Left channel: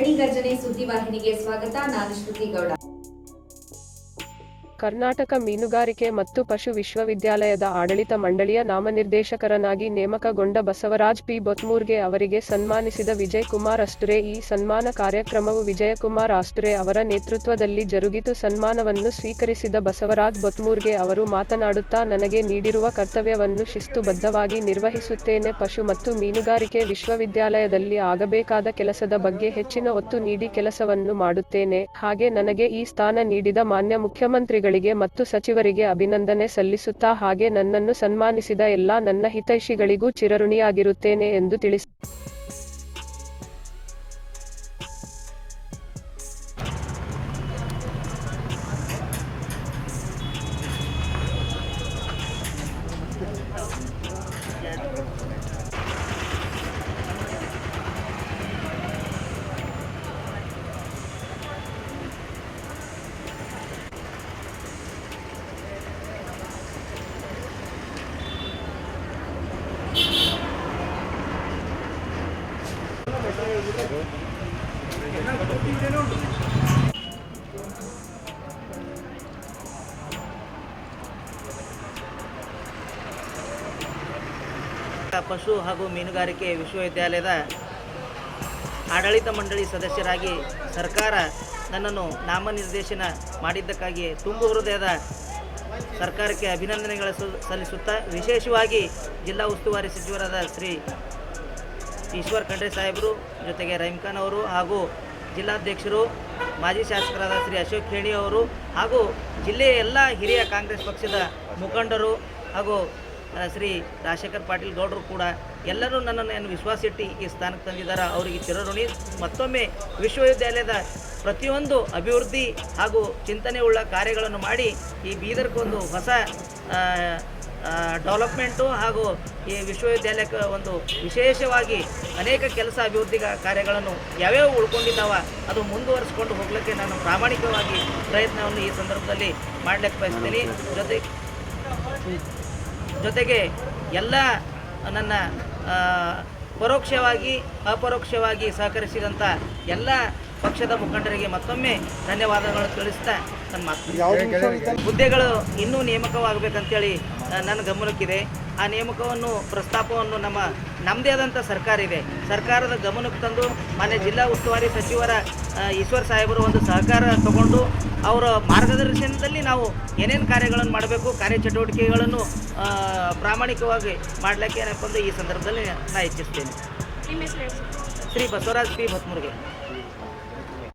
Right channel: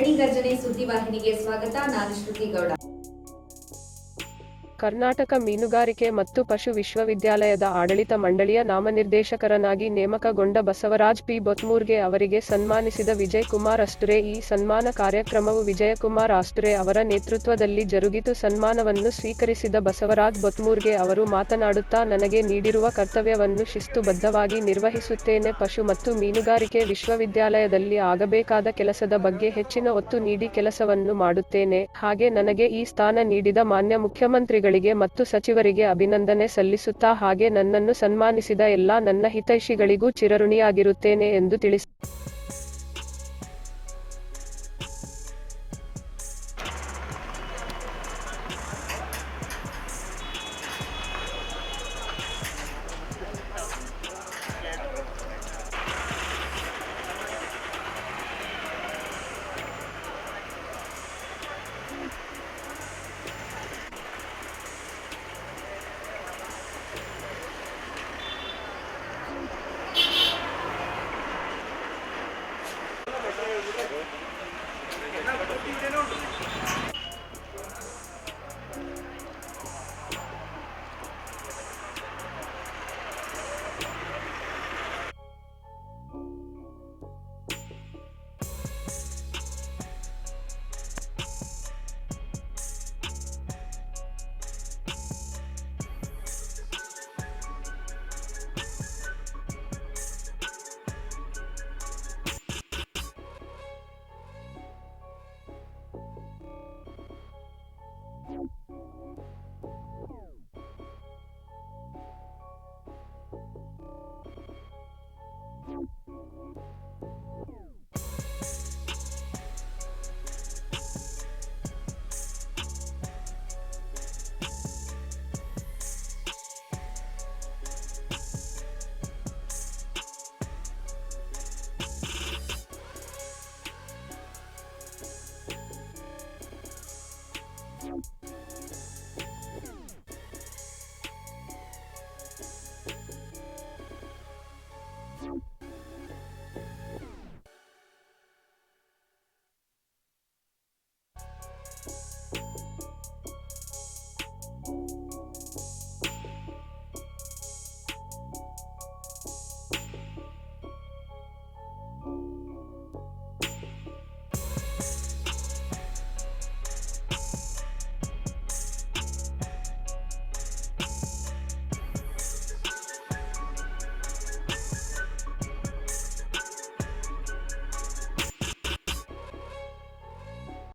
सरणी गर्जने सूदि वाहि स्वागत नान श्रुति गौड़ ಕರ್ನಾಟಕ ಮೀನುಗಾರಿಕೆ ಮತ್ತು ಪಶು ವಿಶ್ವವಿದ್ಯಾಲಯದ ಆಡಳಿತ ಮಂಡಳಿಯ ನಾಮನಿರ್ದೇಶಕರನಾಗಿ ನೇಮಕಗೊಂಡ ಬಸವರಾಜ್ ಪಿ. ಬೊತ್ಮೂರ್ಗೆ ಅವರಿಗೆ ಸನ್ಮಾನಿಸಿದ ವಿಜಯ್ ಕುಮಾರ್ ಈ ಸನ್ಮಾನ ಕಾರ್ಯಕ್ರಮವು ವಿಜಯಕುಮಾರ್ ಅಸ್ತುರೆ ಅವರ ನೇತೃತ್ವದಲ್ಲಿ ಜರುಗಿತು. ಸನ್ಮಾನವನ್ನು ಸ್ವೀಕರಿಸಿದ ಬಸವರಾಜ್ ಬೊತ್ಮೂರ್ಗೆ ಅವರು ಮಾತನಾಡುತ್ತಾ, ನನಗೆ ನೀಡಿರುವ ಕರ್ತವ್ಯವನ್ನು ಶಿಸ್ತುಬದ್ಧವಾಗಿ ನಿರ್ವಹಿಸುತ್ತೇನೆ. ಪಶು ಮತ್ತು ಮೀನುಗಾರಿಕೆ ವಿಶ್ವವಿದ್ಯಾಲಯದಲ್ಲಿ ಆಗಬೇಕಾದ ಕೆಲಸದ ಬಗ್ಗೆ ಹೆಚ್ಚಿನ ಒತ್ತು ನೀಡಿ ಕೆಲಸವನ್ನು ಮಾಡುತ್ತೇನೆ. ಹಾಗೆ ನನಗೆ ಈ ಸ್ಥಾನ ನೀಡಿದ ಮಾನ್ಯ ಮುಖ್ಯಮಂತ್ರಿಗಳಿಗೆ ಮತ್ತು ಸಚಿವರಿಗೆ ಅಭಿನಂದನೆ ಸಲ್ಲಿಸುತ್ತಾ ಹಾಗೆ ನನ್ನನ್ನು ಸನ್ಮಾನಿಸಿದ ಎಲ್ಲಾ ನನ್ನ ಹಿತೈಷಿಗಳಿಗೂ ಚಿರಋಣಿಯಾಗಿರುತ್ತೇನೆ ಎಂದು ತಿಳಿಸಿ ಪಶು ಹಾಗೂ ಮೀನುಗಾರಿಕೆ ವಿಶ್ವವಿದ್ಯಾಲಯದ ಆಡಳಿತ ಮಂಡಳಿ ಸದಸ್ಯರಾಗಿ ಸರ್ಕಾರ ನನ್ನನ್ನು ನಾಮನಿರ್ದೇಶನ ಮಾಡಿದ್ದಕ್ಕಾಗಿ ತುಂಬು ಹೃದಯದ ಸರ್ಕಾರಕ್ಕೆ ಅಭಿನಂದನೆಗಳ ಸಲ್ಲಿಸುತ್ತಾ, ವಿಶೇಷವಾಗಿ ಜಿಲ್ಲಾ ಉಸ್ತುವಾರಿ ಸಚಿವರಾದ ಶ್ರೀ ಈಶ್ವರ್ ಖಂಡ್ರೆ ಸಾಹೇಬರು, ಜೊತೆಗೆ ರಹೀಮ್ ಅವರು ಹಾಗೂ ಜಿಲ್ಲಾಧ್ಯಕ್ಷರು, ಮಾಜಿ ಶಾಸಕರಾದ ಶ್ರೀ ಅಶೋಕ್ ಖೇಣಿ ಅವರು ಹಾಗೂ ಜಿಲ್ಲೆಯ ಎಲ್ಲ ಹಿರಿಯ ಕಾಂಗ್ರೆಸ್ ಪಕ್ಷದ ಮುಖಂಡರು ಹಾಗೂ ಶ್ರೀ ರಾಜಶೇಖರ್ ಪಾಟೀಲ್ ಗೌಡರು ಕೂಡ ಎಲ್ಲರೂ ನನ್ನನ್ನು ಏನು ವಿಶ್ವಾಸಿಟ್ಟು ಈ ಸ್ಥಾನಕ್ಕೆ ತಂದಿದ್ದಾರೆ. ಅವರಿಗೆ ಚಿರಋಣಿ, ಮತ್ತೊಮ್ಮೆ ವಿಶ್ವವಿದ್ಯಾಲಯದ ಪ್ರತಿಯೊಂದು ಅಭಿವೃದ್ಧಿ ಹಾಗೂ ಚಿಂತನೆ ಉಳ್ಳ ಕಾರ್ಯಗಳನ್ನು ಮಾಡಿ ಈ ಬೀದರ್ಗೊಂದು ಹೊಸ ಡೆವಲಪ್ಮೆಂಟು ಹಾಗೂ ಈ ವಿಶ್ವವಿದ್ಯಾಲಯಕ್ಕೆ ಒಂದು ವಿಶೇಷವಾಗಿ ಅನೇಕ ಕೆಲಸ ಅಭಿವೃದ್ಧಿ ಕಾರ್ಯಗಳನ್ನು ಯಾವ್ಯಾವ ಉಳ್ಕೊಂಡಿದ್ದಾವ ಅದು ಮುಂದುವರಿಸ್ಕೊಂಡು ಹೋಗ್ಲಿಕ್ಕೆ ನಾನು ಪ್ರಾಮಾಣಿಕವಾಗಿ ಪ್ರಯತ್ನವನ್ನು ಈ ಸಂದರ್ಭದಲ್ಲಿ ಮಾಡಲಿಕ್ಕೆ ಬಯಸ್ತೀನಿ. ಜೊತೆ ಜೊತೆಗೆ ಎಲ್ಲ ನನ್ನ ಪರೋಕ್ಷವಾಗಿ ಅಪರೋಕ್ಷವಾಗಿ ಸಹಕರಿಸಿದಂಥ ಎಲ್ಲ ಪಕ್ಷದ ಮುಖಂಡರಿಗೆ ಮತ್ತೊಮ್ಮೆ ಧನ್ಯವಾದಗಳನ್ನು ತಿಳಿಸ್ತಾ ನನ್ನ ಮಾತು. ಹುದ್ದೆಗಳು ಇನ್ನೂ ನೇಮಕವಾಗಬೇಕಂತೇಳಿ ನನ್ನ ಗಮನಕ್ಕಿದೆ. ಆ ನೇಮಕವನ್ನು ಪ್ರಸ್ತಾಪವನ್ನು ನಮ್ಮ ನಮ್ಮದೇ ಆದಂಥ ಸರ್ಕಾರ ಇದೆ. ಸರ್ಕಾರದ ಗಮನಕ್ಕೆ ತಂದು ಮಾನ್ಯ ಜಿಲ್ಲಾ ಉಸ್ತುವಾರಿ ಸಚಿವರ ಈಶ್ವರ ಸಾಹೇಬರು ಒಂದು ಸಹಕಾರ ತಗೊಂಡು ಅವರ ಮಾರ್ಗದರ್ಶನದಲ್ಲಿ ನಾವು ಏನೇನು ಕಾರ್ಯಗಳನ್ನು ಮಾಡಬೇಕು ಕಾರ್ಯಚಟುವಟಿಕೆಗಳನ್ನು ಪ್ರಾಮಾಣಿಕವಾಗಿ ಮಾಡಲಿಕ್ಕೆ ಏನಪ್ಪ ಅಂದರೆ ಈ ಸಂದರ್ಭದಲ್ಲಿ ನಾನು ಇಚ್ಛಿಸ್ತೇನೆ. ಶ್ರೀ ಬಸವರಾಜ್ ಪಿ. ಭತ್ಮುರ್ಗೆ